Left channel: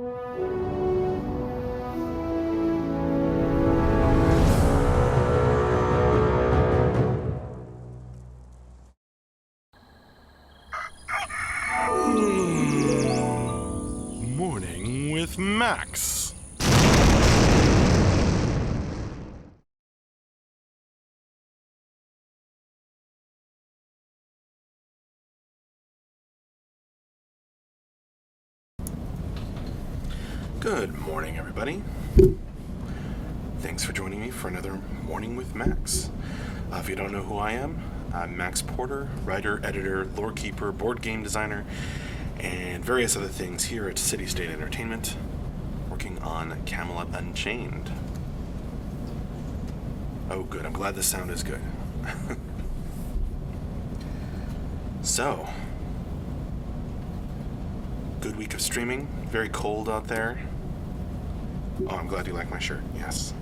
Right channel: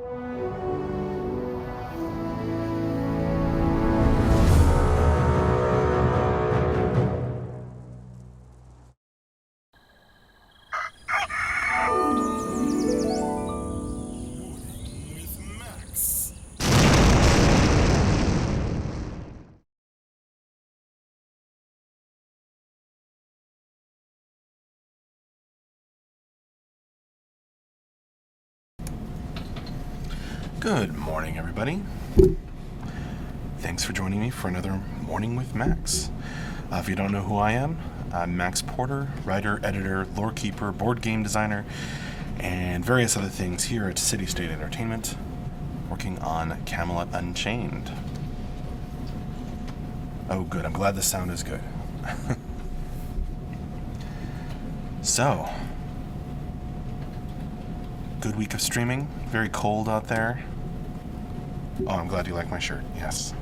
Morning with Max. Good morning, everybody. Thanks for joining me for another Morning with Max. If you don't know who I am, I'm Max Porter, writer, editor, lore keeper, board game designer, and various other things here at City State Entertainment, working on Camelot Unchained. Oh, good. I'm glad the sound is good. So, good week of streaming. Very cold out there. Oh, I'm glad you like my shirt. Yes.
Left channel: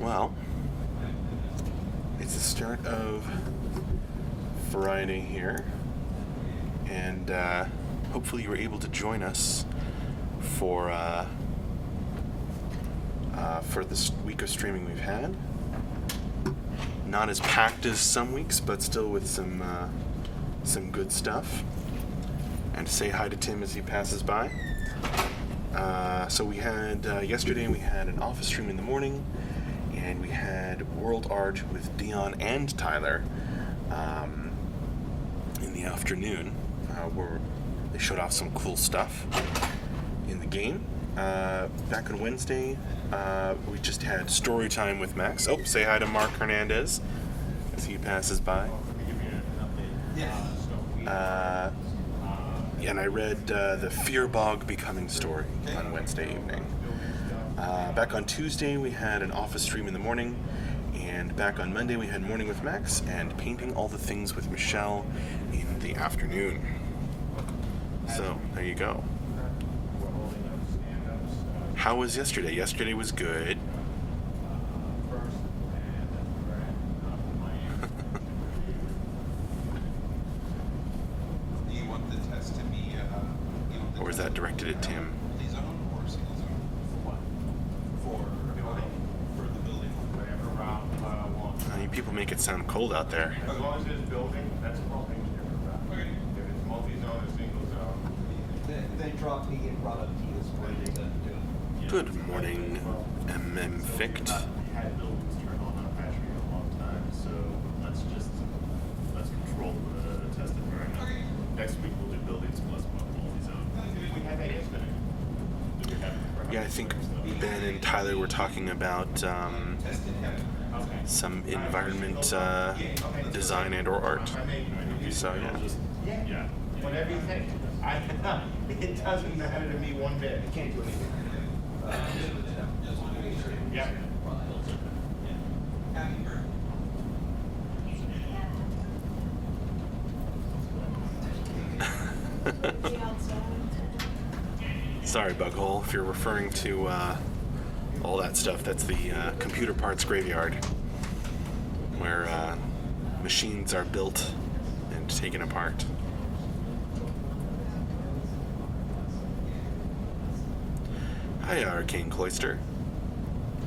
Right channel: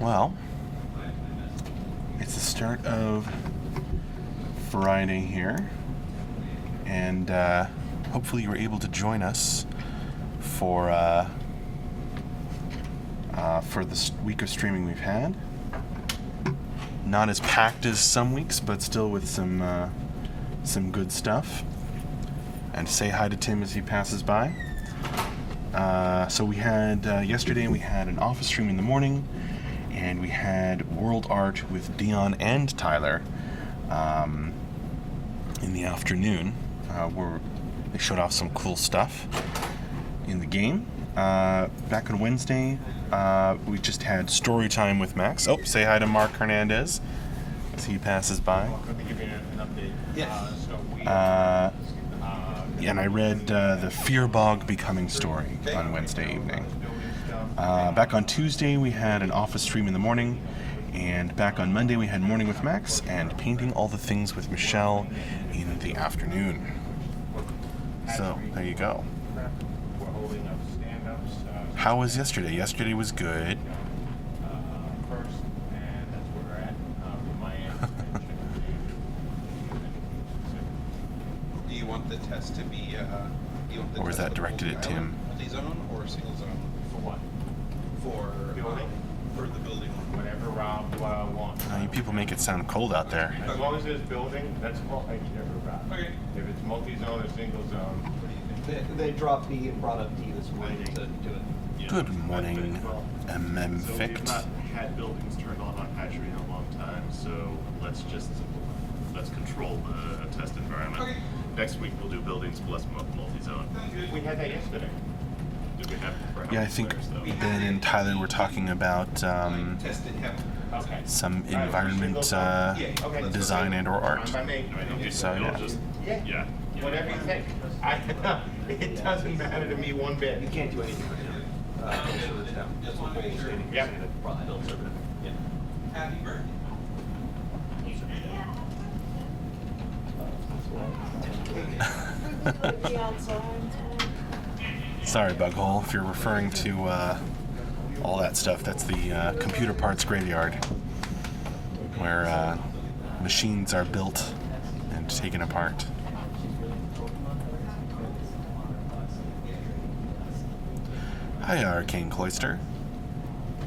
Well, it's the start of Friday here, and hopefully you were able to join us for this week of streaming we've had. Not as packed as some weeks, but still with some good stuff. And say hi to Tim as he passes by. So we had yesterday we had an office stream in the morning, and we had World Art with Dion and Tyler in the afternoon, where they showed off some cool stuff in the game. Back on Wednesday, we just had story time with Max. Oh, say hi to Mark Hernandez as he passes by. And I read the Fear Bog Becoming story on Wednesday evening. Back on Tuesday, we had an office stream in the morning, and back on Monday, we had Morning with Max and Painting All the Things with Michelle in the afternoon. So, there you go. How was yesterday? Yesterday was good. Do you want the test to be Or was that directed at Tim? zone or single zone? For what? For the building. Whatever round one. I mean, people make it sound cold out there. As long as there's a building, that's what I never round. Okay. If it's multi-zone or single zone. They dropped D and brought up D this morning to do it. Good morning, MM So we have Fict. not had buildings turned on Hatchery in a long time, so let's control the test environment. Okay. Next week we'll do buildings plus multi-zone. We had that yesterday. Did we have perhaps Yeah, I think there, so. Ben and Tyler were talking about Tested heaven. Okay. some environment design and or art. If I may, Okay, So, you'll yeah. just, yeah. whatever you think. It doesn't matter to me one bit. You can't do anything. Yeah. Happy birthday. Sorry, Bughole, if you're referring to all that stuff, that's the computer parts graveyard, where machines are built and taken apart. Hi, Arcane Cloister.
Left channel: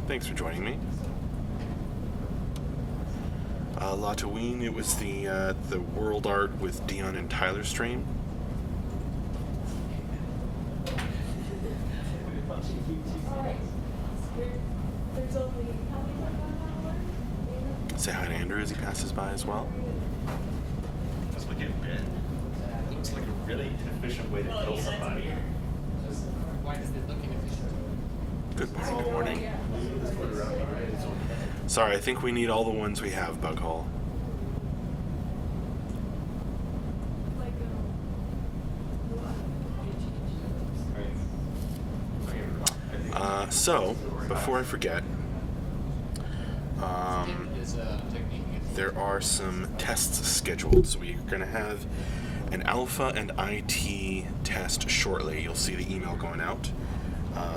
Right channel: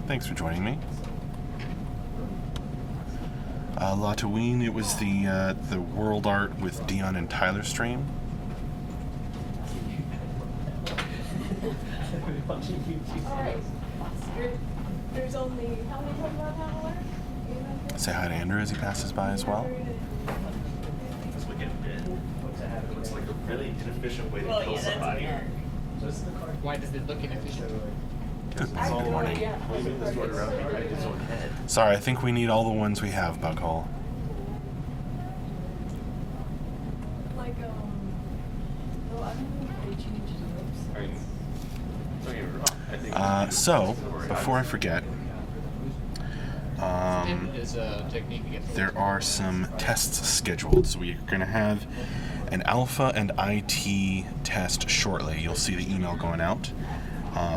Thanks for joining me. Lataween, it was the World Art with Dion and Tyler stream. Alright, there's only how many more than an hour? Say hi to Andrew as he passes by as well. It's like a really inefficient way to Well, kill yeah, that's somebody. weird. Just the card point of it looking at each other. I have no idea how the card is. Sorry, I think we need all the ones we have, Bughole. Like, no, I don't know if they changed those. So, before I forget, It's a technique. there are some tests scheduled. So we're going to have an alpha and IT test shortly. You'll see the email going out.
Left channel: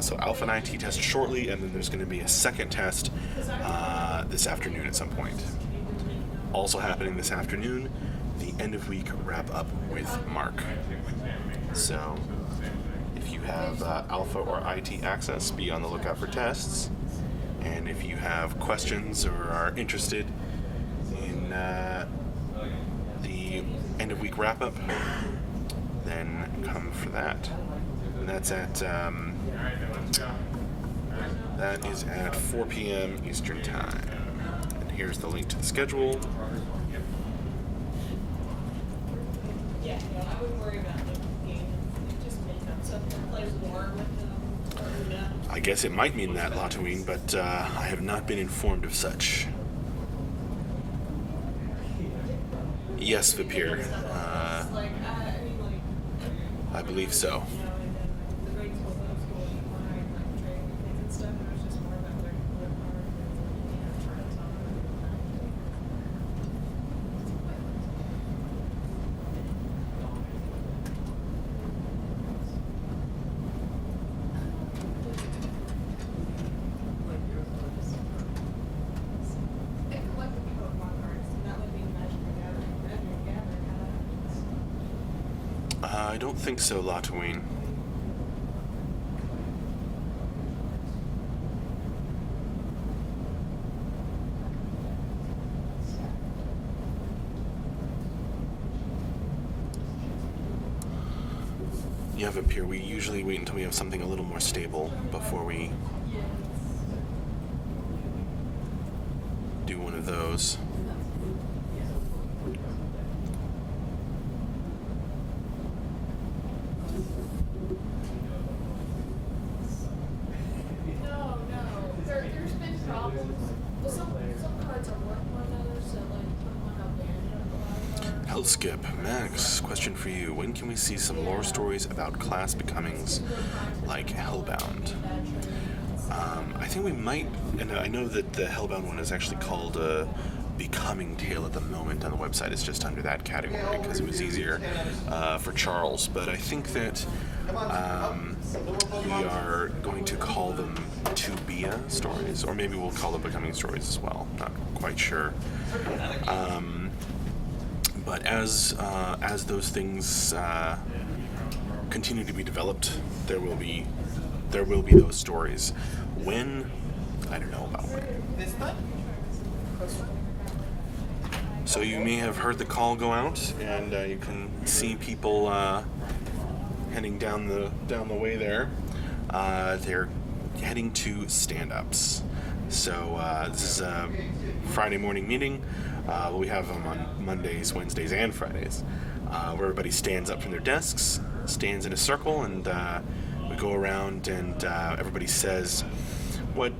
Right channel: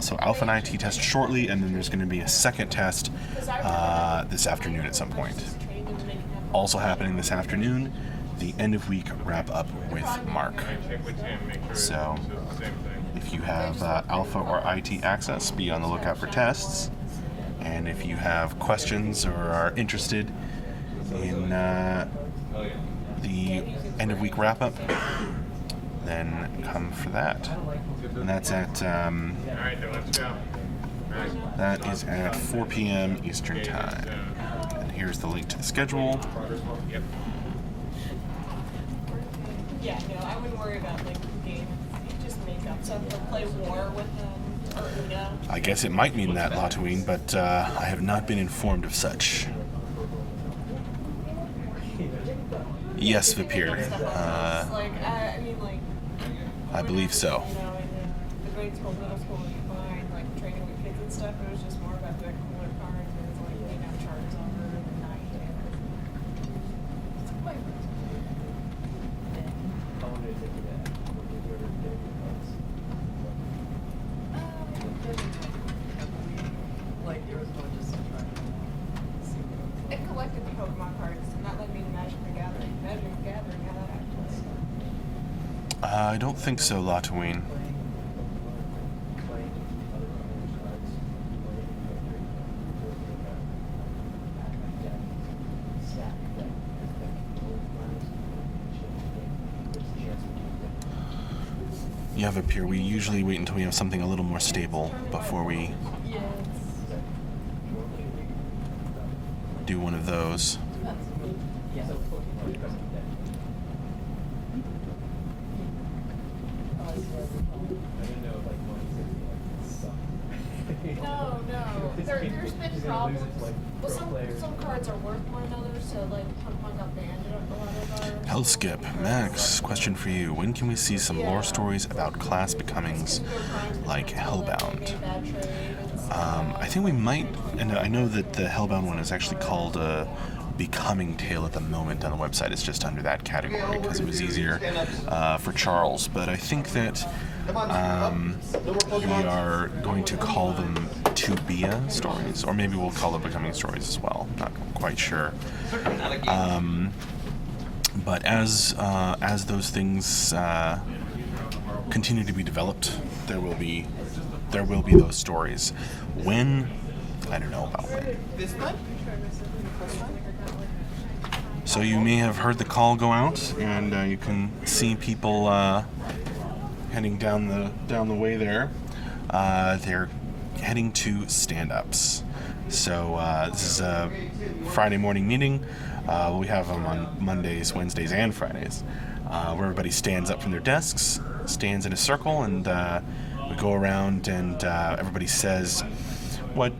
So alpha and IT test shortly, and then there's going to be a second test this afternoon at some point. Also happening this afternoon the end of week wrap up with Mark. So if you have alpha or IT access, be on the lookout for tests. And if you have questions or are interested in the end of week wrap up, then come for that. And that's at that is at 4 p.m. Eastern Time. And here's the link to the schedule. Yeah, no, I wouldn't worry about like games. You just make up something, play war with them, or Uno. I guess it might mean that, Latween, but I have not been informed of such. Yes, Vipir. I mean, like. I believe so. You know, in the grade school, middle school combined, like training with kids and stuff, it was just more about like flip cards and like, you know, charts on the night. It's quite fun. It collected the Pokemon cards, not like me in Magic the Gathering. Magic the Gathering had that. I don't think so, Latween. Yeah, Vipir, we usually wait until we have something a little more stable before we Yes. do one of those. No. There's been problems. Well, some cards are worth more than others, so like Pokemon got banned in a lot of our. Hellskip, Max, question for you. When can we see some lore stories about class becomings like Hellbound? I think we might, and I know that the Hellbound one is actually called Becoming Tale at the moment on the website. It's just under that category because it was easier for Charles. But I think that we are going to call them To Bia stories, or maybe we'll call them Becoming stories as well. Not quite sure. But as those things continue to be developed, there will be those stories. When? I don't know about when. So you may have heard the call go out, and you can see people heading down the way there. They're heading to stand-ups. So this is a Friday morning meeting. We have them on Mondays, Wednesdays, and Fridays, where everybody stands up from their desks, stands in a circle, and we go around and everybody says what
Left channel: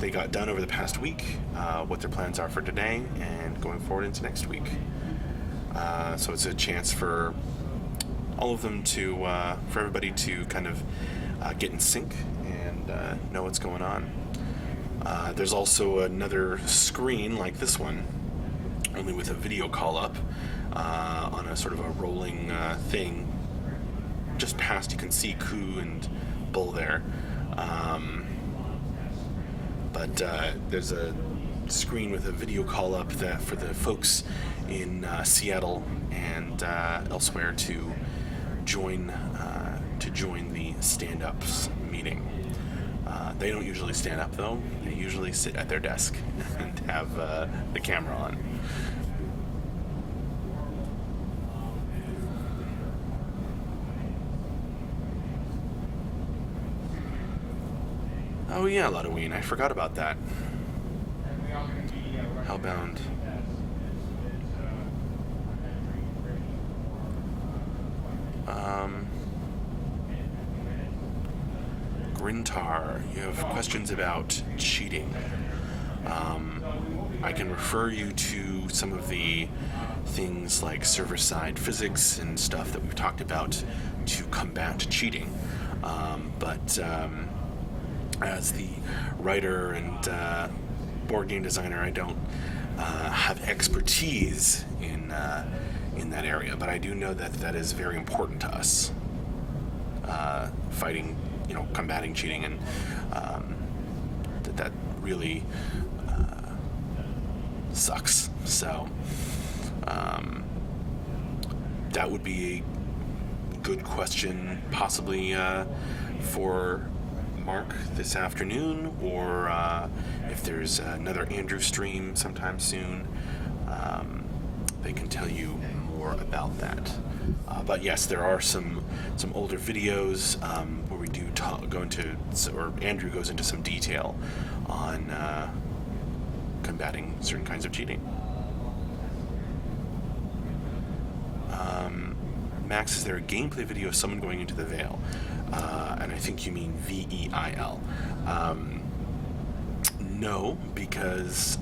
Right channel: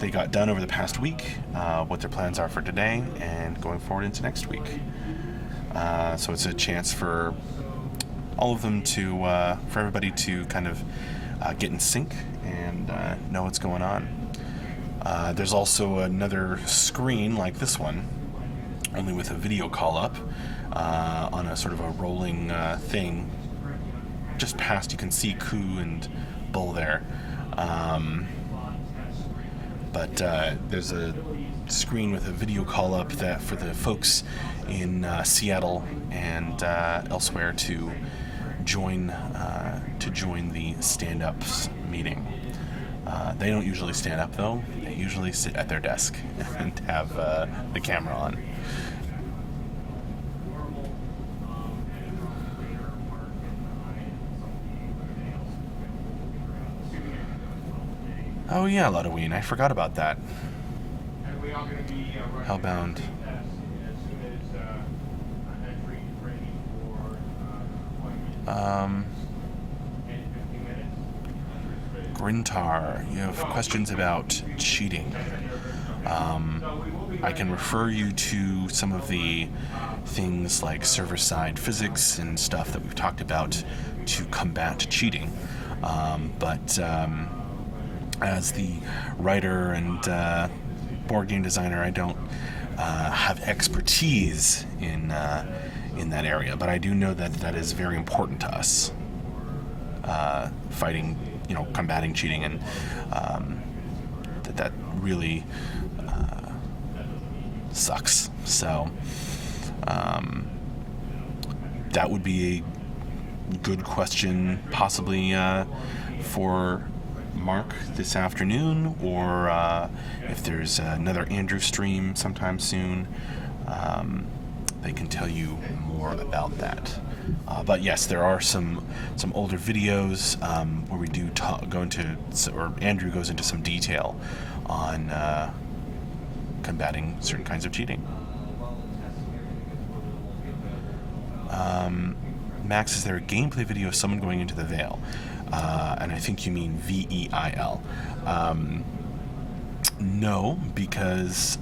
they got done over the past week, what their plans are for today, and going forward into next week. So it's a chance for all of them for everybody to kind of get in sync and know what's going on. There's also another screen like this one, only with a video call up on a sort of a rolling thing. Just past, you can see Ku and Bull there. But there's a screen with a video call up that for the folks in Seattle and elsewhere to join the stand-ups meeting. They don't usually stand up though. They usually sit at their desk and have the camera on. Oh yeah, Ludween, I forgot about that. Hellbound. Grintar, you have questions about cheating. I can refer you to some of the things like server-side physics and stuff that we've talked about to combat cheating. But as the writer and board game designer, I don't have expertise in that area, but I do know that that is very important to us. Fighting, combating cheating, and that really sucks. So that would be a good question, possibly for Mark this afternoon, or if there's another Andrew stream sometime soon, they can tell you more about that. But yes, there are some older videos where we do go into, or Andrew goes into some detail on combating certain kinds of cheating. Max, is there a gameplay video of someone going into the Veil? And I think you mean VEIL. No, because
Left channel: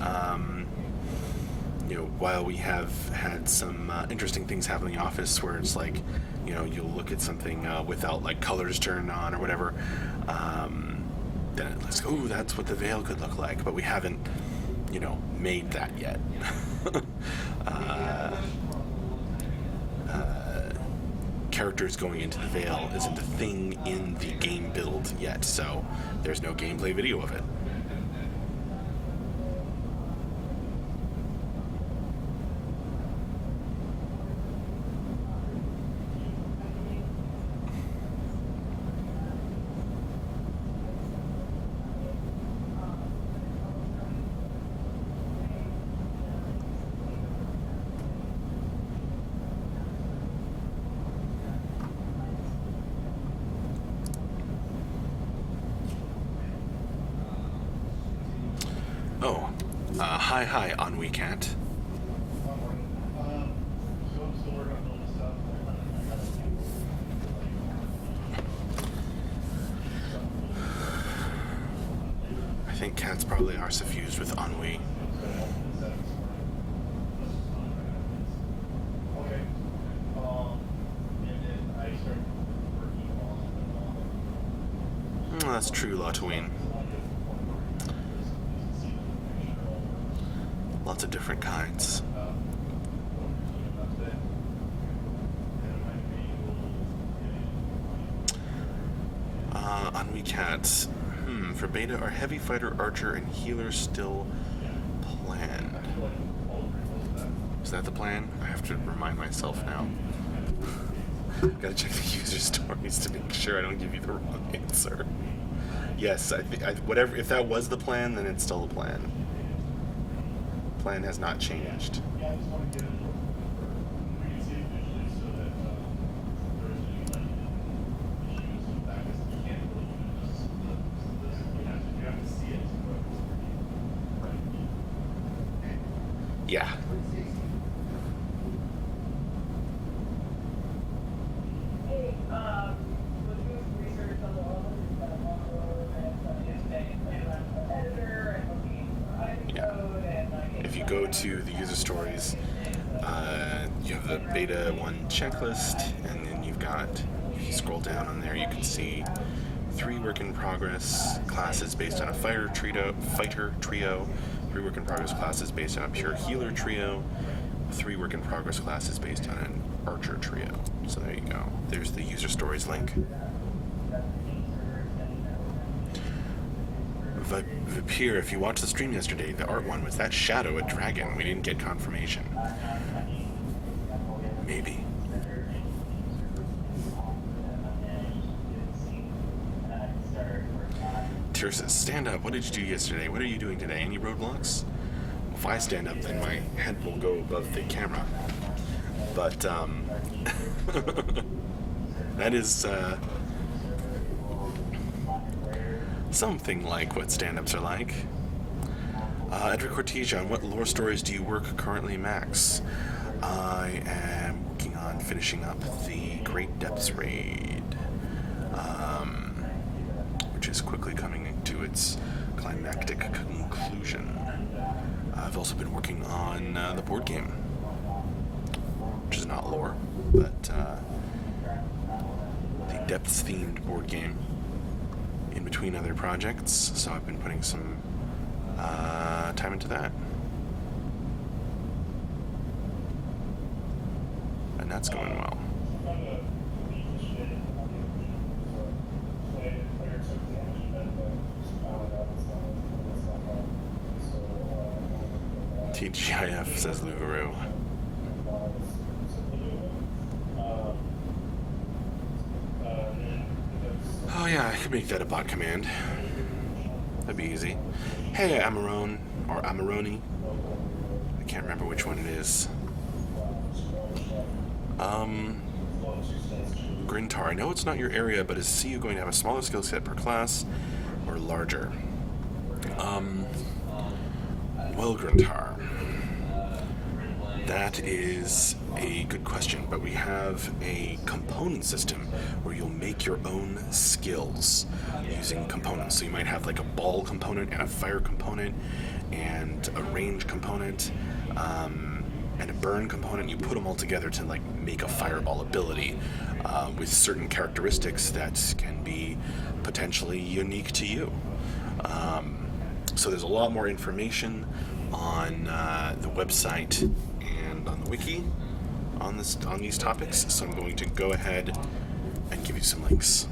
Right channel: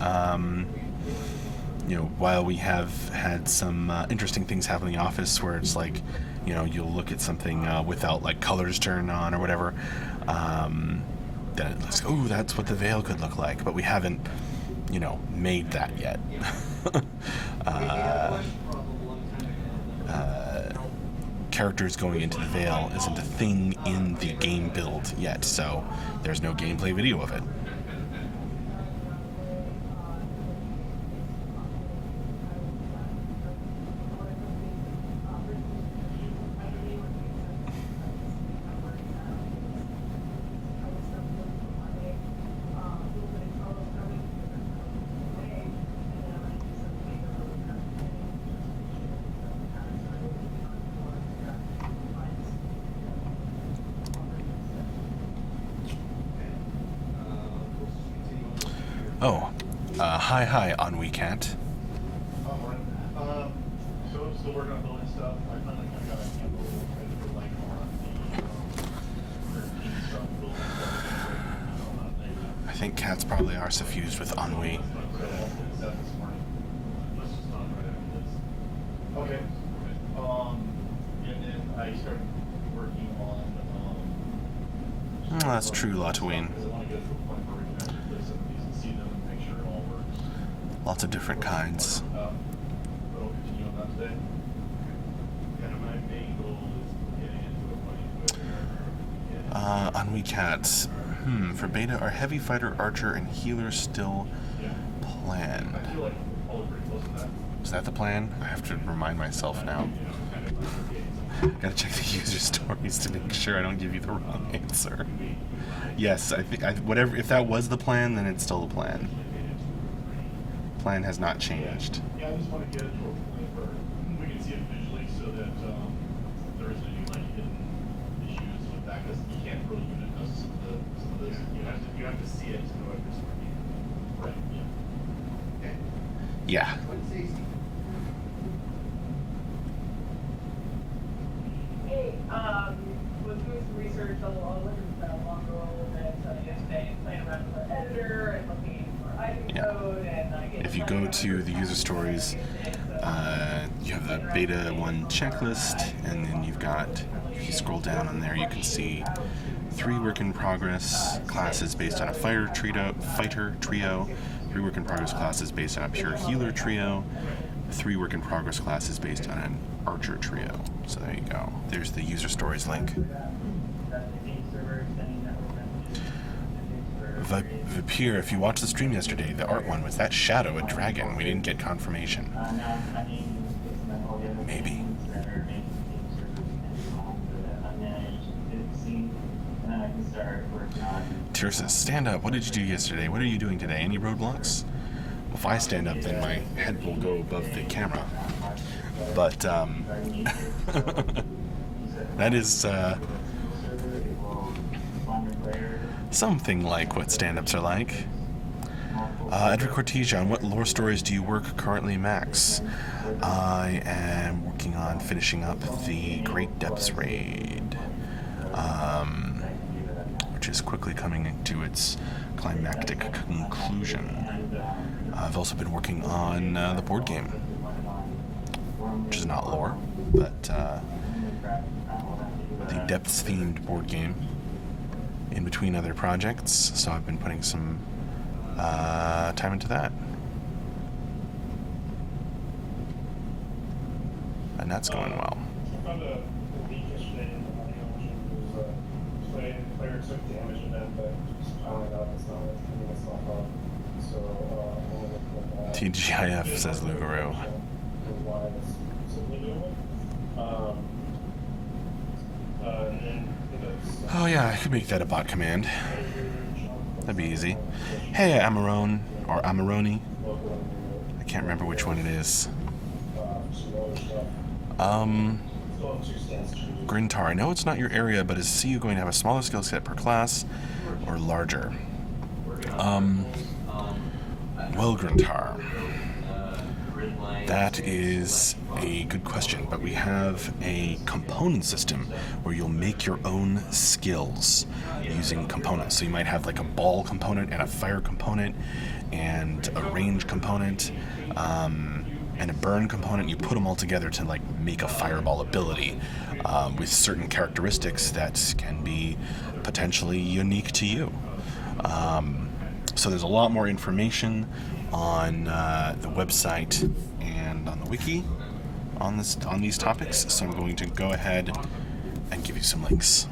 while we have had some interesting things happen in the office where it's like, you'll look at something without like colors turned on or whatever, then it looks, oh, that's what the Veil could look like, but we haven't, made that yet. Characters going into the Veil isn't a thing in the game build yet, so there's no gameplay video of it. Hi, on WeCat. Still working on building stuff. I got a couple I think cats probably are suffused with ennui. Okay. And then I started working on Well, that's true, Latween. Lots of different kinds. On WeCat, for beta, are heavy fighter, archer, and healer still planned? Is that the plan? I have to remind myself now. Gotta check the user stories to make sure I don't give you the wrong answer. Yes, I think whatever. If that was the plan, then it's still the plan. Plan has not changed. Yeah, I just want to get it for we can see it visually so that there's any like hidden issues with that because you can't really unit us to this. You have to see it to know if it's working. Right. Yeah. Hey, was doing some research on all of this Mongo that yesterday, playing around with our editor and looking for item code and If you go to the user stories, you have the beta 1 checklist, and then you've got, if you scroll down on there, you can see 3 work in progress classes based on a fighter trio, 3 work in progress classes based on a pure healer trio, 3 work in progress classes based on an archer trio. So there you go. There's the user stories link. Vipir, if you watched the stream yesterday, the art one, was that shadow a dragon? We didn't get confirmation. Maybe. Tirsa, stand up. What did you do yesterday? What are you doing today? Any roadblocks? If I stand up, then my head will go above the camera. But, that is, something like what stand-ups are like. Edward Cortesia, on what lore stories do you work currently, Max? I am working on finishing up the Great Depths raid, which is quickly coming into its climactic conclusion. I've also been working on the board game, which is not lore, but the Depths-themed board game in between other projects, so I've been putting some time into that. And that's going well. TGIF, says Lugaro. can make that a bot command. That'd be easy. Hey, Amarone, or Amarone. I can't remember which one it is. Grintar, I know it's not your area, but is you going to have a smaller skill set per class or larger? Well, Grintar, that is a good question, but we have a component system where you'll make your own skills using components. So you might have like a ball component and a fire component and a range component and a burn component. You put them all together to like make a fireball ability with certain characteristics that can be potentially unique to you. So there's a lot more information on the website and on the wiki on these topics. So I'm going to go ahead and give you some links.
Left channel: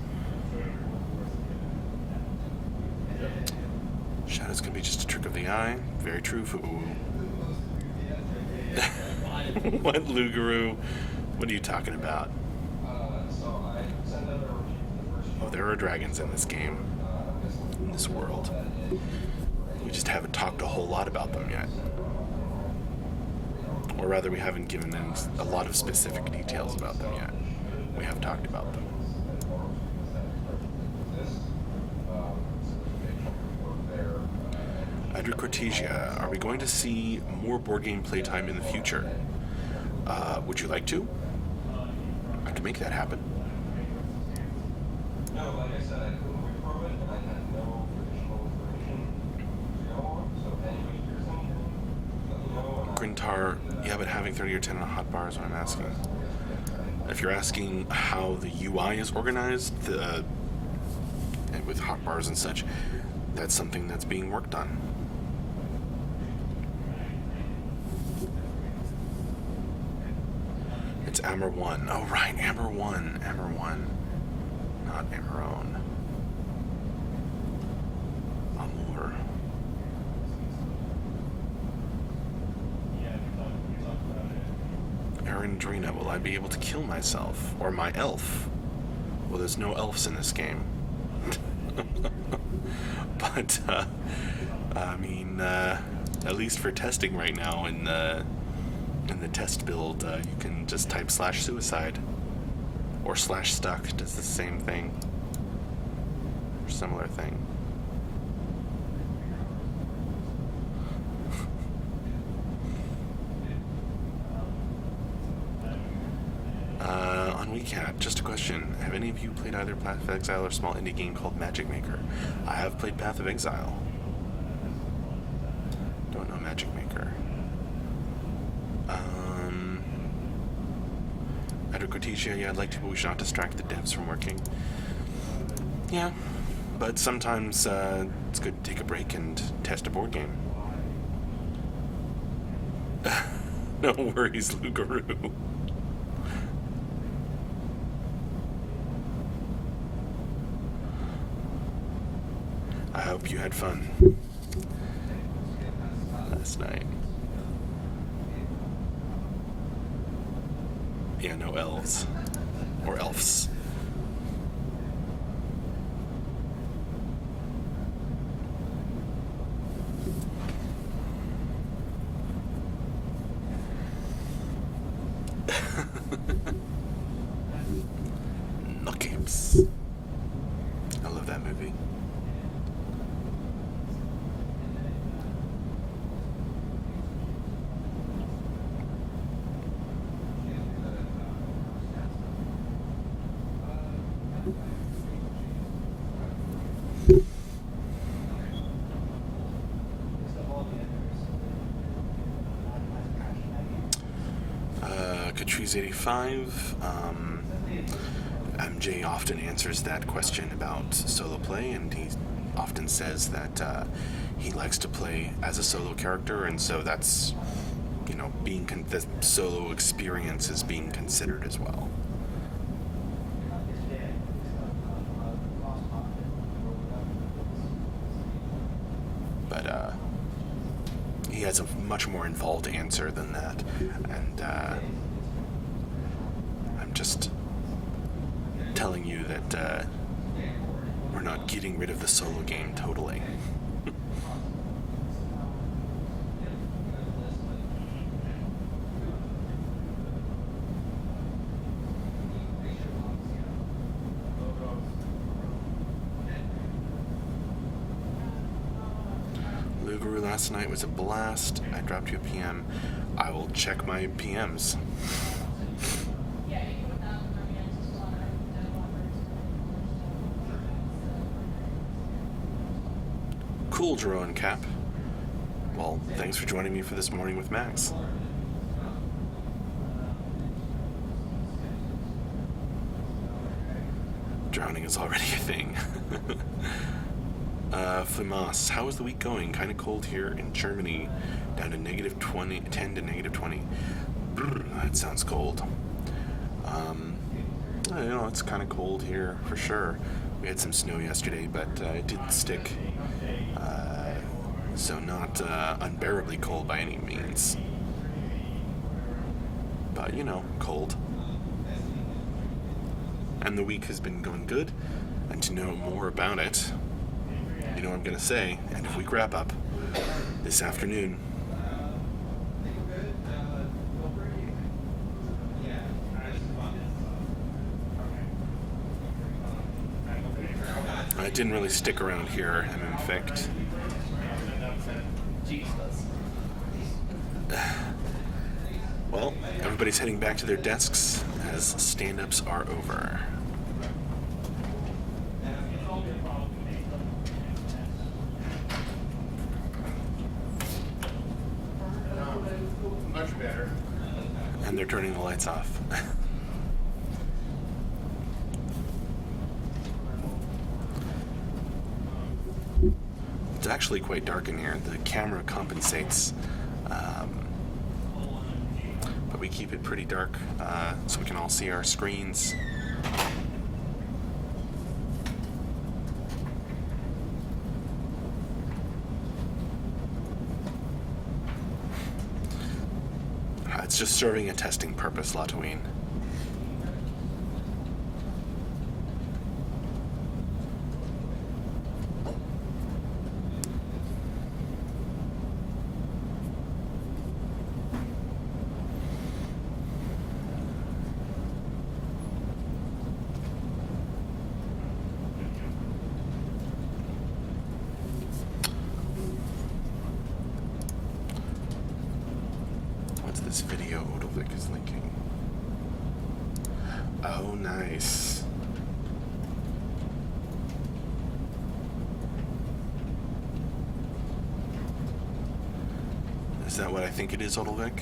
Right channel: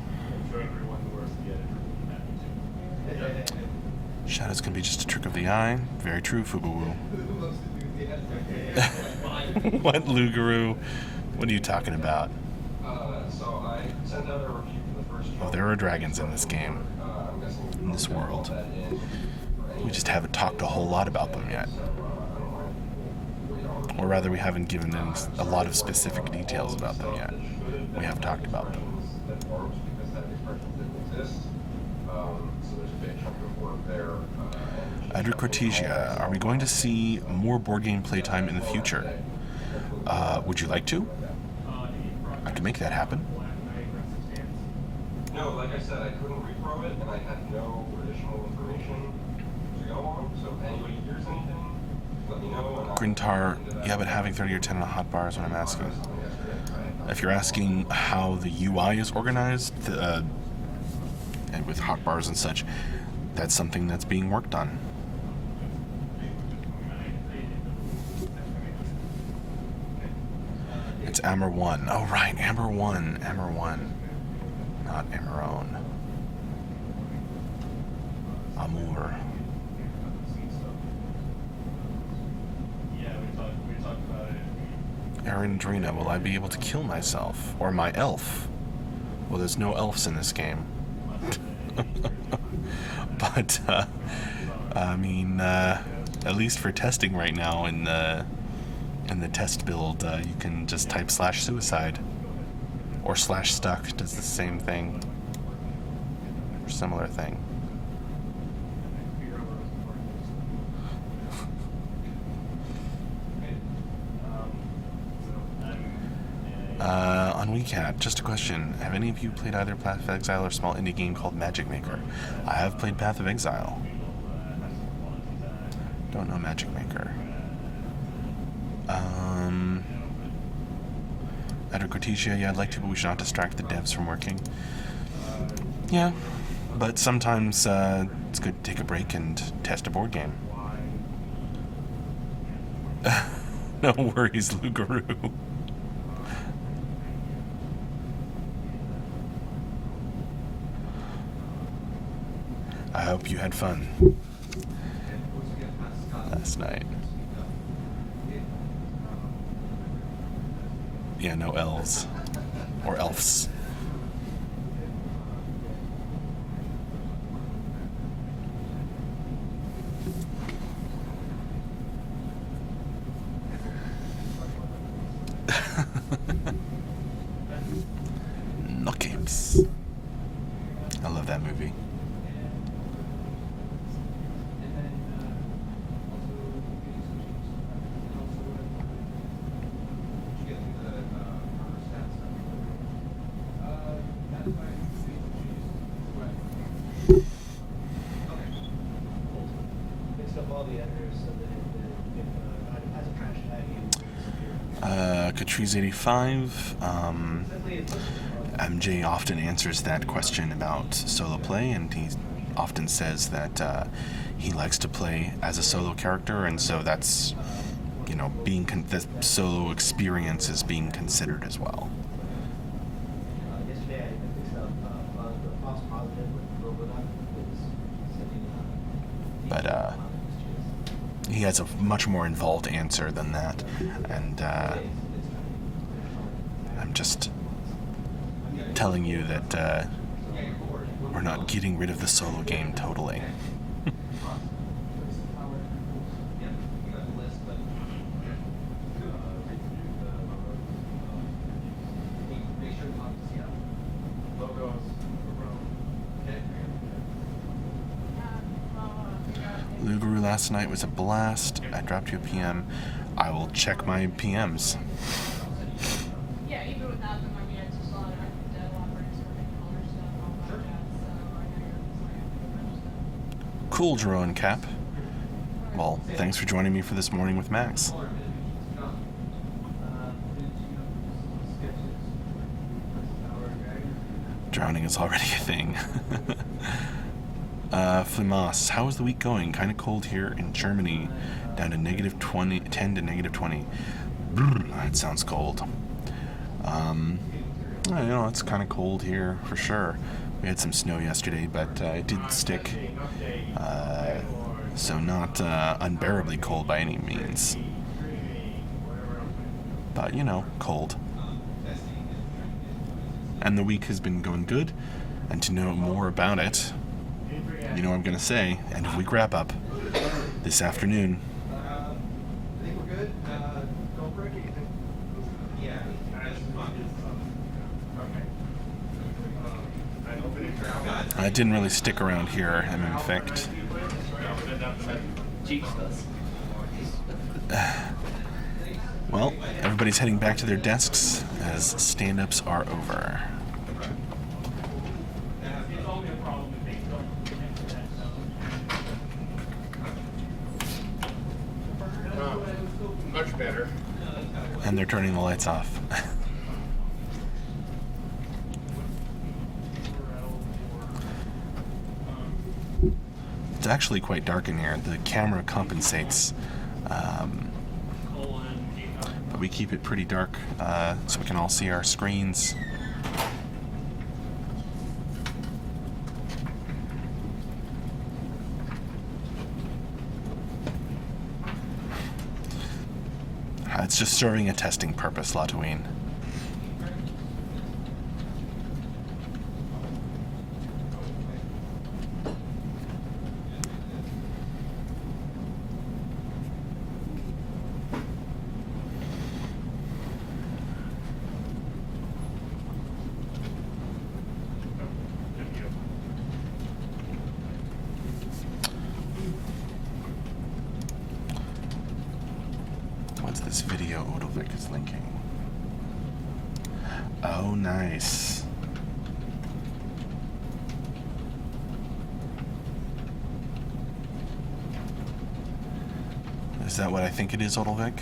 Shadows can be just a trick of the eye. Very true, Fubuwu. What, Lugaroo? What are you talking about? Oh, there are dragons in this game. In this world. We just haven't talked a whole lot about them yet. Or rather, we haven't given them a lot of specific details about them yet. We have talked about them. Under Cortesia, are we going to see more board game playtime in the future? Would you like to? I can make that happen. No, like I said, I couldn't read from it, and I had no additional information to go on, so if anybody hears anything, let me know. Grintar, yeah, but having 30 or 10 on the hotbar is what I'm asking. If you're asking how the UI is organized, and with hotbars and such, that's something that's being worked on. It's Amber 1. Oh, right, Amber 1. Amber 1. Not Amarone. Amor. Yeah, we talked about it. Aaron Drina, will I be able to kill myself? Or my elf? Well, there's no elves in this game. But, I mean, at least for testing right now in the test build, you can just type /suicide or /stuck, does the same thing or similar thing. On WeCat, just a question. Have any of you played either Path of Exile or a small indie game called Magic Maker? I have played Path of Exile. Don't know Magic Maker. Under Cortesia, yeah, I'd like to, but we should not distract the devs from working. Yeah, but sometimes it's good to take a break and test a board game. No worries, Lugaroo. I hope you had fun last night. Yeah, no elves. Or elves. No camps. I love that movie. Catrice 85. MJ often answers that question about solo play, and he often says that he likes to play as a solo character, and so that's, the solo experience is being considered as well. But he has a much more involved answer than that, and I'm just telling you that we're not getting rid of the solo game totally. Lugaru last night was a blast. I dropped you a PM. I will check my PMs. Yeah, even without the money, I just saw that I could have offered certain colors and all that. Cool, Jerome Cap. Well, thanks for joining me for this morning with Max. Drowning is already a thing. Flimas, how is the week going? Kind of cold here in Germany, down to negative 20, 10 to negative 20. That sounds cold. I know it's kind of cold here for sure. We had some snow yesterday, but it didn't stick. So not unbearably cold by any means. But, you know, cold. And the week has been going good. And to know more about it, you know what I'm going to say, and if we wrap up this afternoon. I think we're good. Don't break anything. Yeah. It didn't really stick around here, and in fact, well, everybody's heading back to their desks as stand-ups are over. Much better. And they're turning the lights off. It's actually quite dark in here. The camera compensates, but we keep it pretty dark so we can all see our screens. It's just serving a testing purpose, Latouine. This video Odovic is linking. Oh, nice. Is that what I think it is, Odovic?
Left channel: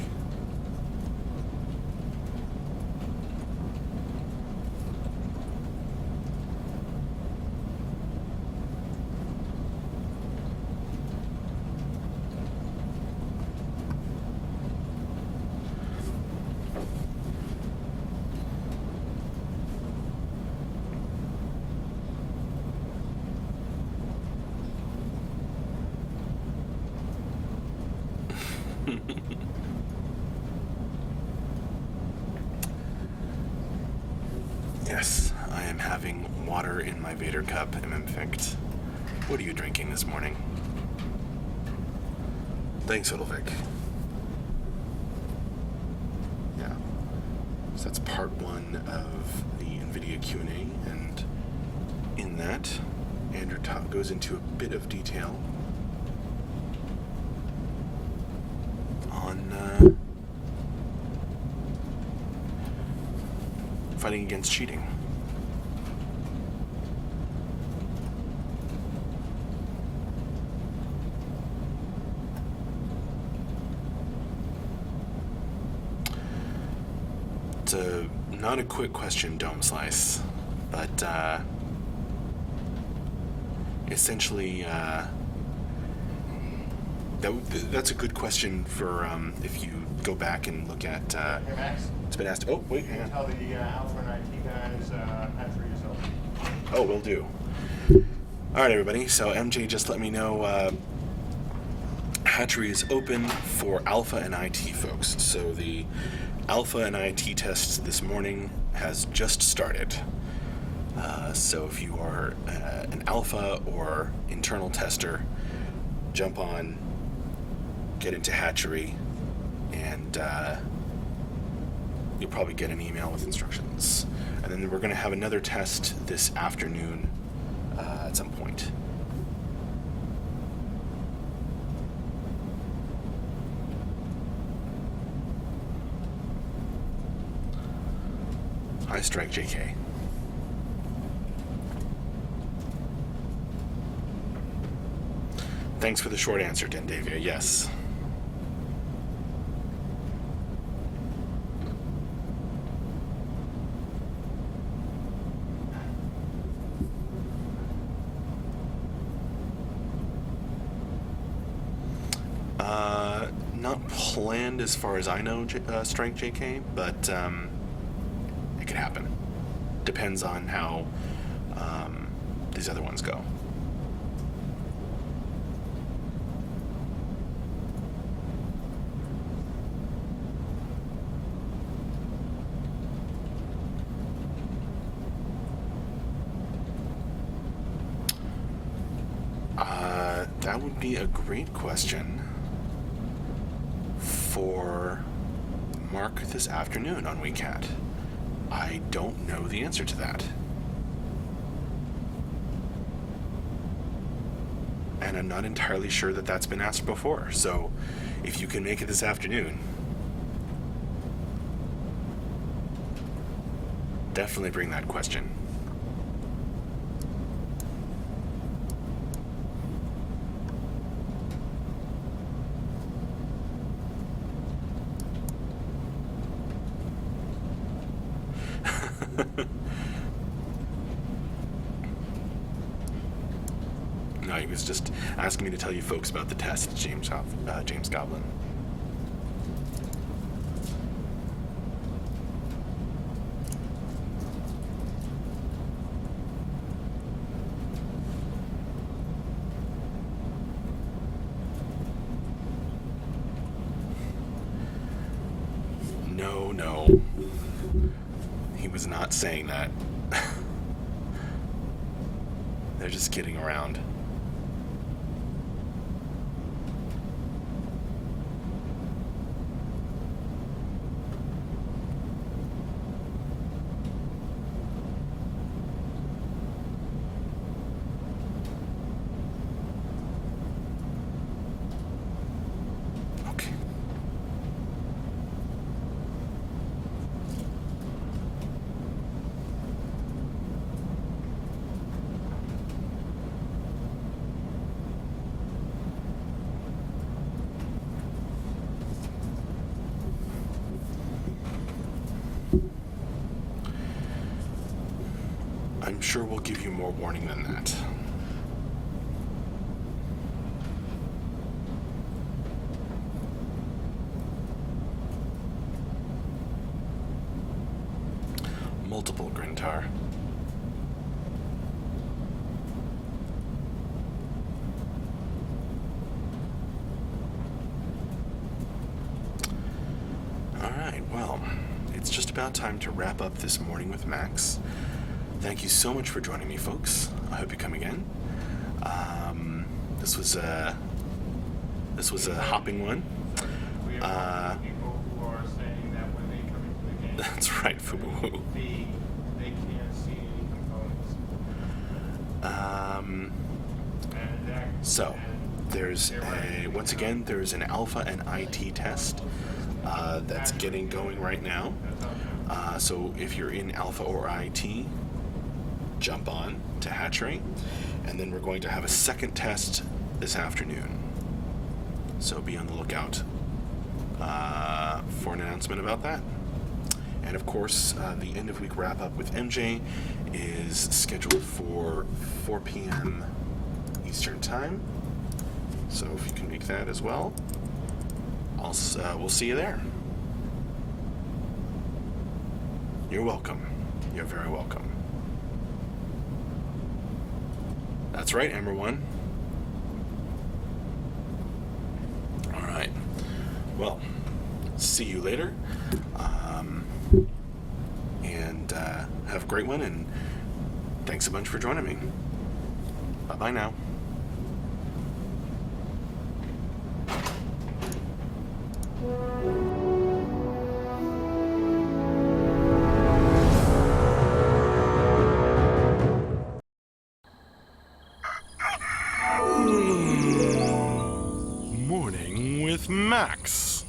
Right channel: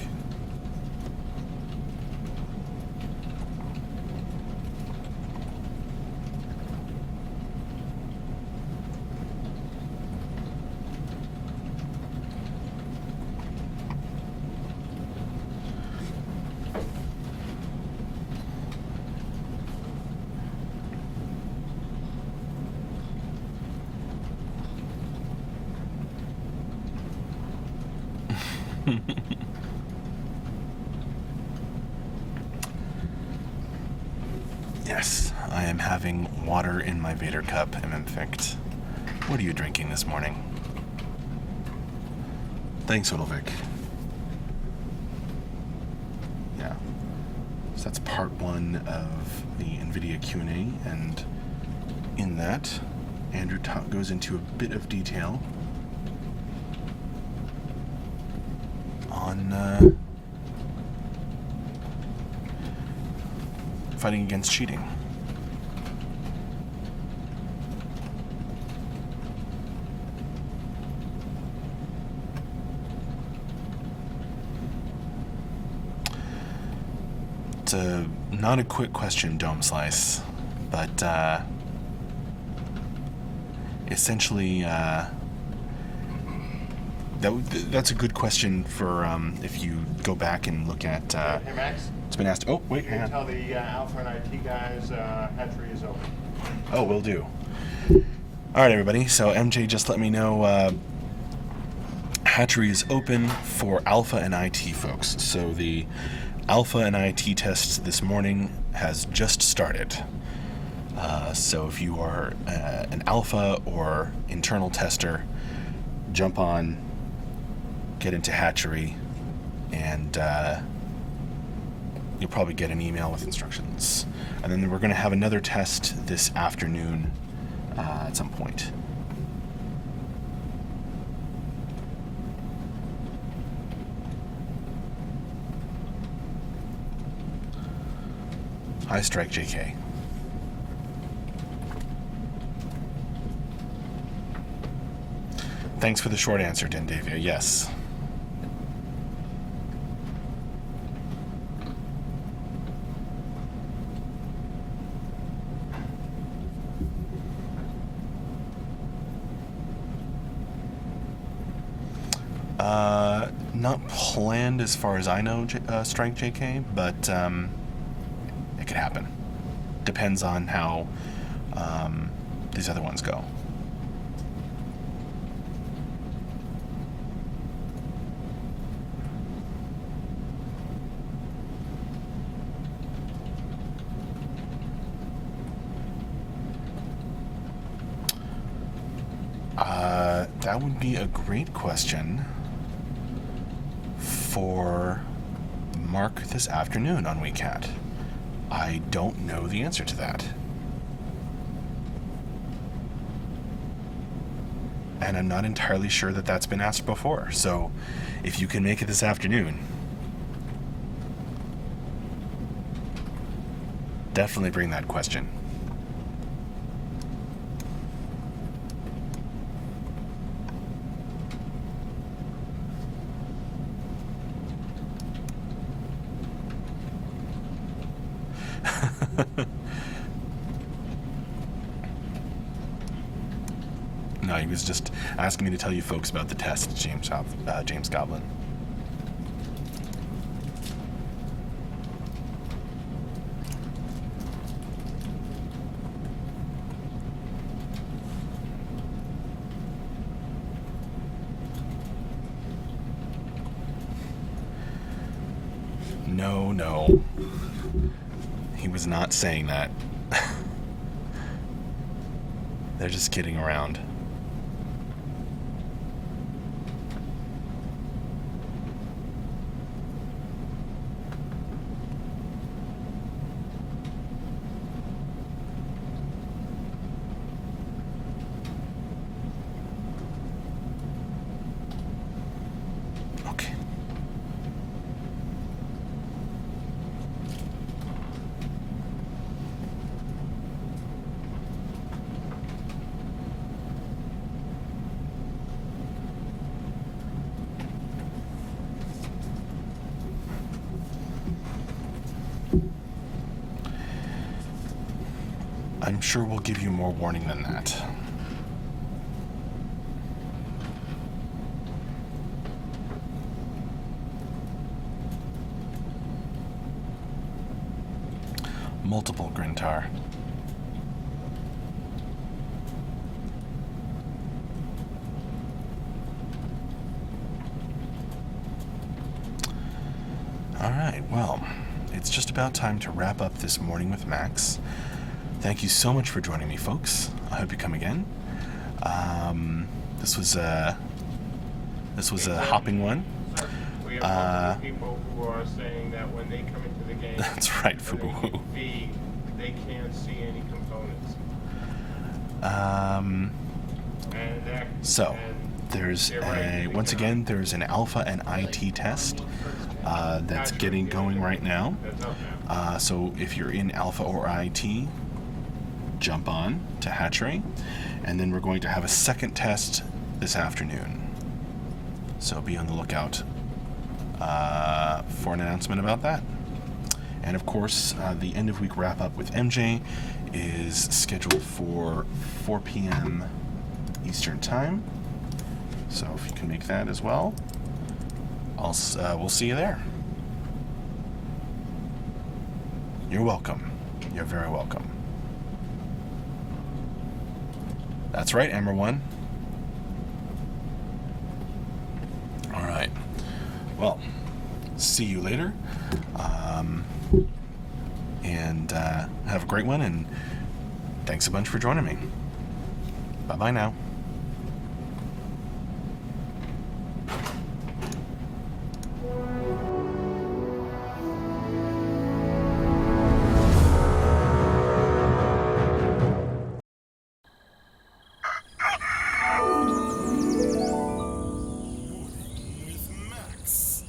Yes, I am having water in my Vader cup, MMFict. What are you drinking this morning? Thanks, Odovic. Yeah. So that's part one of the NVIDIA Q&A, and in that, Andrew goes into a bit of detail on fighting against cheating. It's not a quick question, Dome Slice, but essentially that's a good question for if you go back and look at. Hey, Max. It's been asked. Oh, wait, hang on. Tell the Alpha and IT guys hatchery is open. Oh, will do. All right, everybody. So MJ just let me know hatchery is open for Alpha and IT folks. So the Alpha and IT test this morning has just started. So if you are an alpha or internal tester, jump on, get into Hatchery, and you'll probably get an email with instructions. And then we're going to have another test this afternoon at some point. High Strike JK. Thanks for the short answer, Dindavia. Yes. Not planned as far as I know, Strike JK, but it could happen. Depends on how these other ones go. That would be a great question for Mark this afternoon on WeCat. I don't know the answer to that. And I'm not entirely sure that that's been asked before. So if you can make it this afternoon, definitely bring that question. No, he was just asking me to tell you folks about the test, James Goblin. No. He was not saying that. They're just kidding around. Okay. I'm sure we'll give you more warning than that. Multiple Grintar. Alright, well, it's just about time to wrap up this morning with Max. Thank you so much for joining me, folks. I hope you come again. This was a hopping one. We have multiple people who are saying that when they come into the game, That's right, for the Fubu. UV, they can't see any components. So there's once again there's an alpha and IT test that's getting going right now. So if you're in alpha or IT, jump on to Hatchery, and then we're going to have a second test this afternoon. So be on the lookout for an announcement about that. And of course, the end of week wrap up with MJ is scheduled for 4 p.m. Eastern Time. So if you can make that as well, we'll see you there. You're welcome. You're very welcome. That's right, Ember One. All right. Well, see you later. And have a great one. And thanks a bunch for joining me. Bye-bye now. Morning with Max.